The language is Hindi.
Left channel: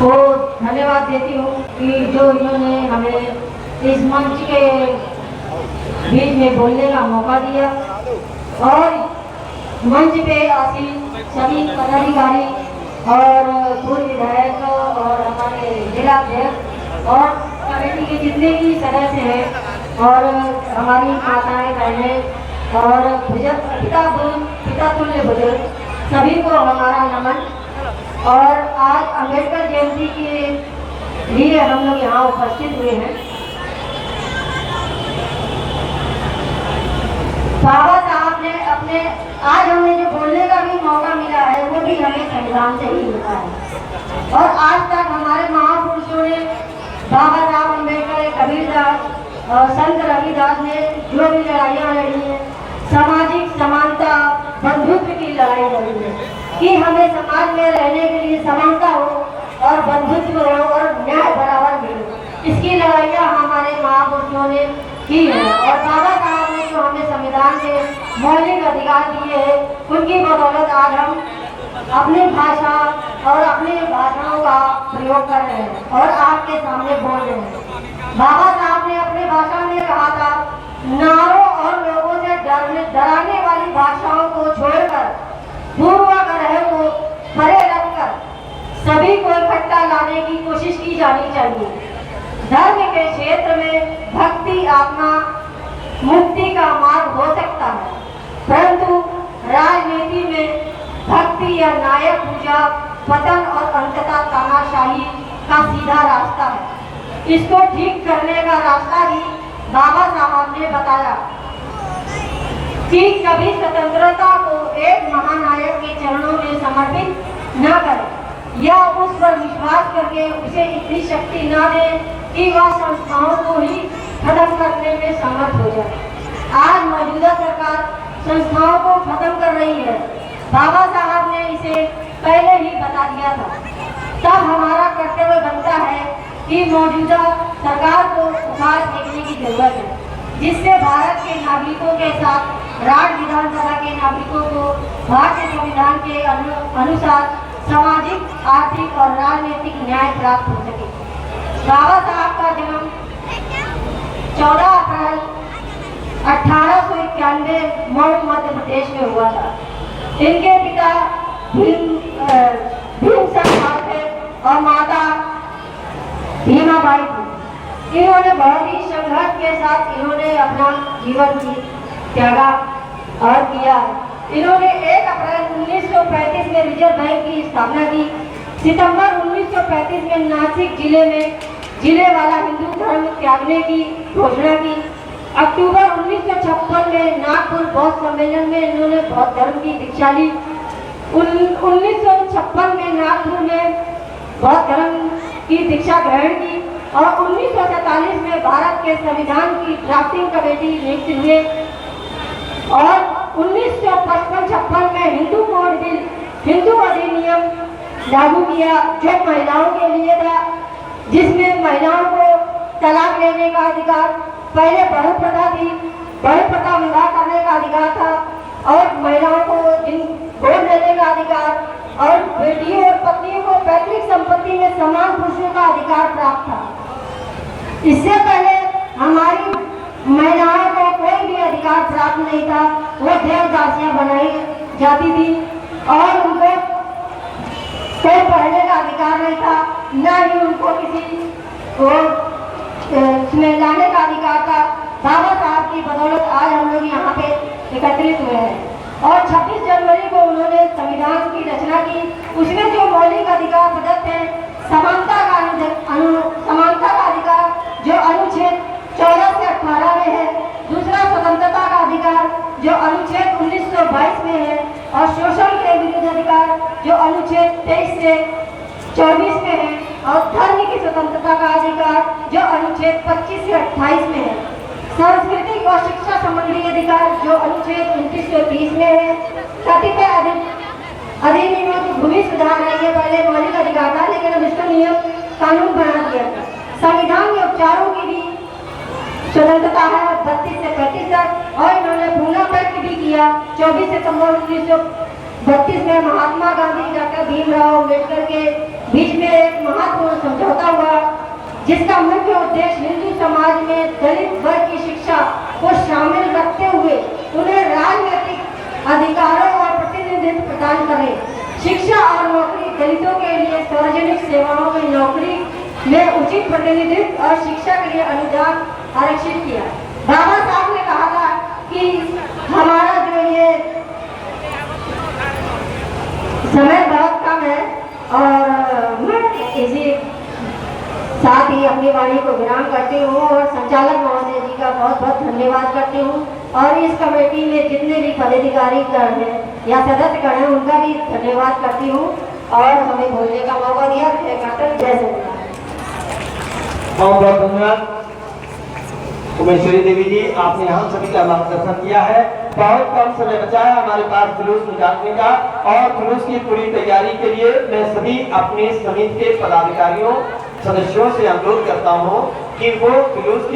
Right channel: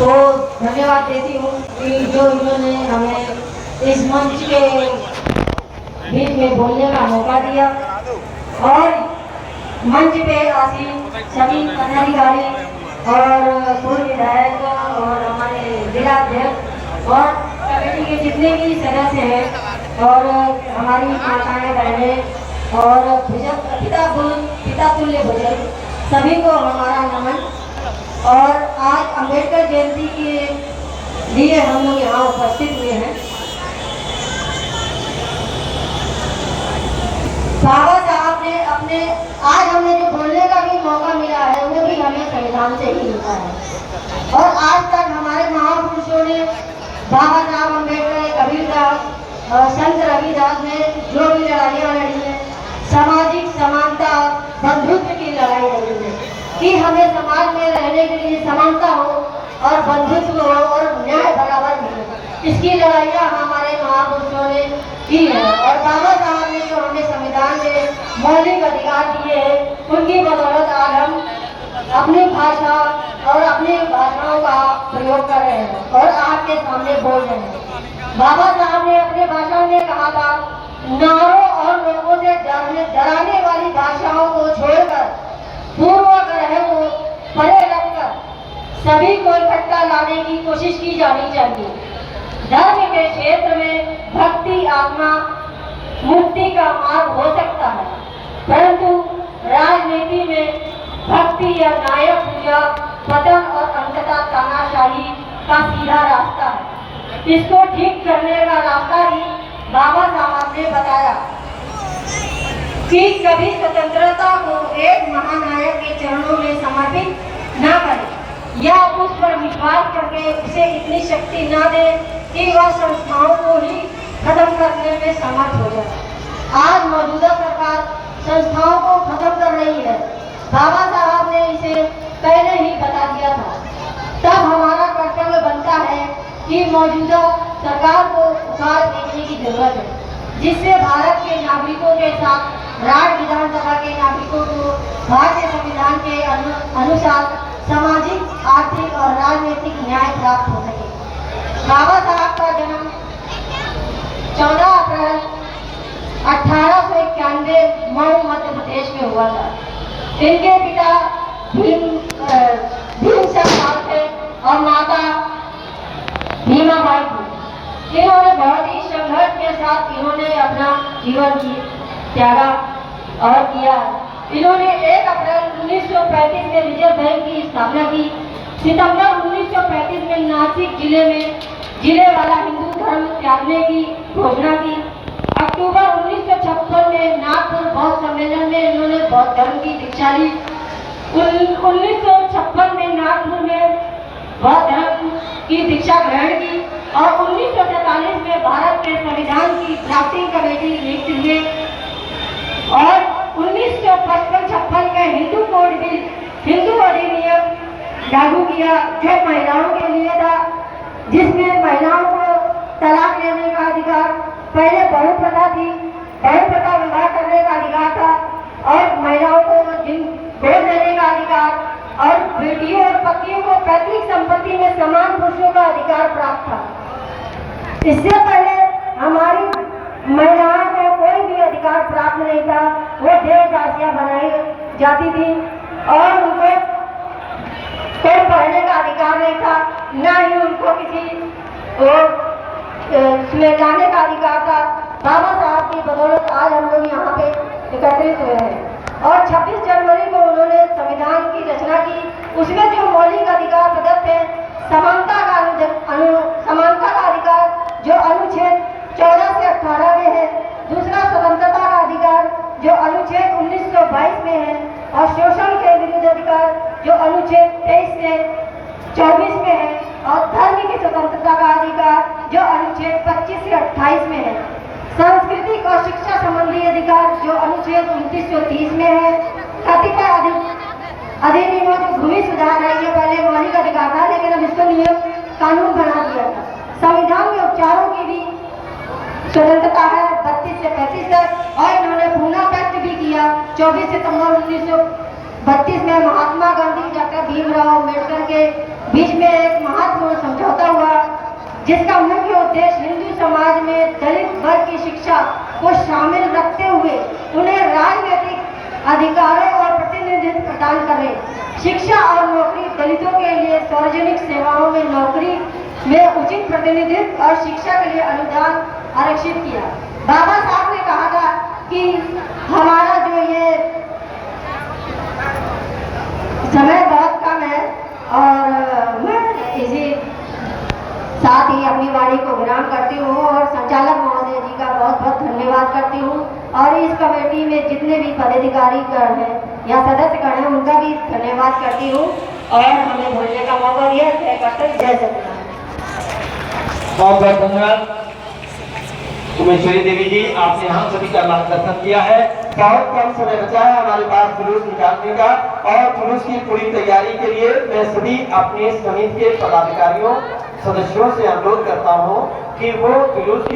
को धन्यवाद देती हूँ कि जो इन्होंने हमें इस मंच के बीच में बोलने का मौका दिया और मंच पे आसीन सभी पदाधिकारी और पूर्व विधायक और हमारे जिला अध्यक्ष और कमेटी के जितने भी सदस्य हैं और हमारी माताएं बहनें और पिता तुल्य बुजुर्ग सभी को हमारा नमन। और आज अम्बेडकर जयंती के लिए हम लोग यहाँ उपस्थित हुए हैं। बाबा साहब ने अपने आज हमें जो बोलने का भी मौका मिला है वो भी हमें संविधान से ही मिला है। और आज तक हमारे महापुरुषों ने बाबा साहब अम्बेडकर, कबीरदास और संत रविदास ने जो भी लड़ाइयाँ लड़ी हैं, सामाजिक समानता बंधुत्व की लड़ाई लड़ी है कि हमें समाज में रहने के लिए समानता हो और बंधुत्व हो और न्याय बराबर मिले। इसकी लड़ाइयाँ हमारे महापुरुषों ने की है और बाबा साहब ने जो हमें संविधान में मौलिक अधिकार दिए हैं उनकी बदौलत आज हम अपनी भाषा और अपनी भाषाओं का प्रयोग कर रहे हैं और आपके सामने बोल रहे हैं। बाबा साहब ने अपने भाषण में कहा था, नारों और लोगों से डराने वाली भाषाओं को छोड़कर पूर्वाग्रह को परे रखकर सभी को इकट्ठा लाने की कोशिश की जानी चाहिए। धर्म के क्षेत्र में भक्ति आत्मा मुक्ति का मार्ग हो सकता है, परंतु राजनीति में भक्ति या न्याय पूजा पतन और अंततः तानाशाही का सीधा रास्ता है। इसको ठीक करने का रास्ता ही बाबा साहब ने बताया कि कभी स्वतंत्रता को एक महानायक के चरणों में समर्पित न करें या उस पर विश्वास करके उसे इतनी शक्ति न दें कि वह संस्थाओं को ही खत्म करने में समर्थ हो जाए। आज मौजूदा सरकार संस्थाओं को खत्म कर रही है। बाबा साहब ने इसे पहले ही बता दिया था। तब हमारा कर्तव्य बनता है कि मौजूदा सरकार को उखाड़ फेंकने की जरूरत है, जिससे भारत के नागरिकों के साथ राज्य विधानसभा के नागरिकों को भारतीय संविधान के अनुसार सामाजिक, आर्थिक और राजनीतिक न्याय प्राप्त हो सके। बाबा साहब का जन्म 14 अप्रैल 1891 मऊ मध्य प्रदेश में हुआ था। इनके पिता भीमसेन थे और माता भीमाबाई थी। इन्होंने बहुत ही संघर्ष के साथ इन्होंने अपना जीवन त्यागा और किया। इन्होंने 1 अप्रैल 1935 में रिजर्व बैंक की स्थापना की। सितंबर 1935 में नासिक जिले वाला हिंदू धर्म त्यागने की घोषणा की। अक्टूबर 1956 में नागपुर बौद्ध सम्मेलन में इन्होंने बौद्ध धर्म की दीक्षा ली। 1956 में नागपुर में बौद्ध धर्म की दीक्षा ग्रहण की और 1947 में भारत के संविधान की ड्राफ्टिंग कमेटी नियुक्त हुए और 1955-56 में हिंदू कोड बिल, हिंदू अधिनियम लागू किया जो महिलाओं के लिए था, जिसमें महिलाओं को तलाक लेने का अधिकार, पहले बहुप्रथा थी, बहुप्रथा विवाह करने का अधिकार था और महिलाओं को गोद लेने का अधिकार और बेटियों और पत्नियों को पैतृक संपत्ति में समान पुरुषों का अधिकार प्राप्त था। इससे पहले हमारी महिलाओं को कोई भी अधिकार प्राप्त नहीं था। वो देवदासियां बनाई जाती थी और उनको कोई पढ़ने का अधिकार नहीं था, न ही उनको किसी को इसमें लाने का अधिकार था। बाबा साहब की बदौलत आज हम लोग यहाँ पे एकत्रित हुए हैं और 26 जनवरी को उन्होंने संविधान की रचना की। उसमें जो मौलिक अधिकार प्रदत्त है, समानता का अधिकार जो अनुच्छेद 14 से 18 में है, दूसरा स्वतंत्रता का अधिकार जो अनुच्छेद 1922 में है और शोषण के विरुद्ध अधिकार जो अनुच्छेद 23 से 24 में है और धर्म की स्वतंत्रता का अधिकार जो अनुच्छेद 25 से 28 में है। सांस्कृतिक और शिक्षा संबंधी अधिकार जो अनुच्छेद 2930 में है। कतिपय अधिनियमों को भूमि सुधार है, ये पहले मौलिक अधिकार था लेकिन अब इसका नियम कानून बना दिया था। संविधान में उपचारों की भी स्वतंत्रता है 32 से 35 तक और इन्होंने पूर्ण पैक्ट भी किया 24 सितंबर 1932 में महात्मा गांधी, डॉक्टर भीमराव अम्बेडकर के बीच में एक जिसका मुख्य उद्देश्य हिंदू समाज में दलित वर्ग की शिक्षा को शामिल रखते हुए उन्हें राजनीतिक अधिकारों और प्रतिनिधित्व प्रदान करें। शिक्षा और नौकरी दलितों के लिए सार्वजनिक सेवाओं में नौकरी में उचित प्रतिनिधित्व और शिक्षा के लिए अनुदान आरक्षित किया। बाबा साहब ने कहा था कि हमारा जो ये समय बहुत कम है और मैं इसी साथ ही अपनी वाणी को विराम करती हूँ और संचालक महोदय जी का बहुत बहुत धन्यवाद करती हूँ और इस कमेटी में जितने भी पदाधिकारी हैं या सदस्य हैं उनका भी धन्यवाद करती हूँ और हमें बोलने का मौका दिया। जय सत्यनारायण। बहुत बहुत धन्यवाद उमेश्वरी देवी जी, आपने हम सभी का मार्गदर्शन किया है। बहुत कम समय बचा है हमारे पास जुलूस निकालने का और जुलूस की पूरी तैयारी के लिए मैं सभी अपने समिति के पदाधिकारियों सदस्यों से अनुरोध करता हूँ कि वो जुलूस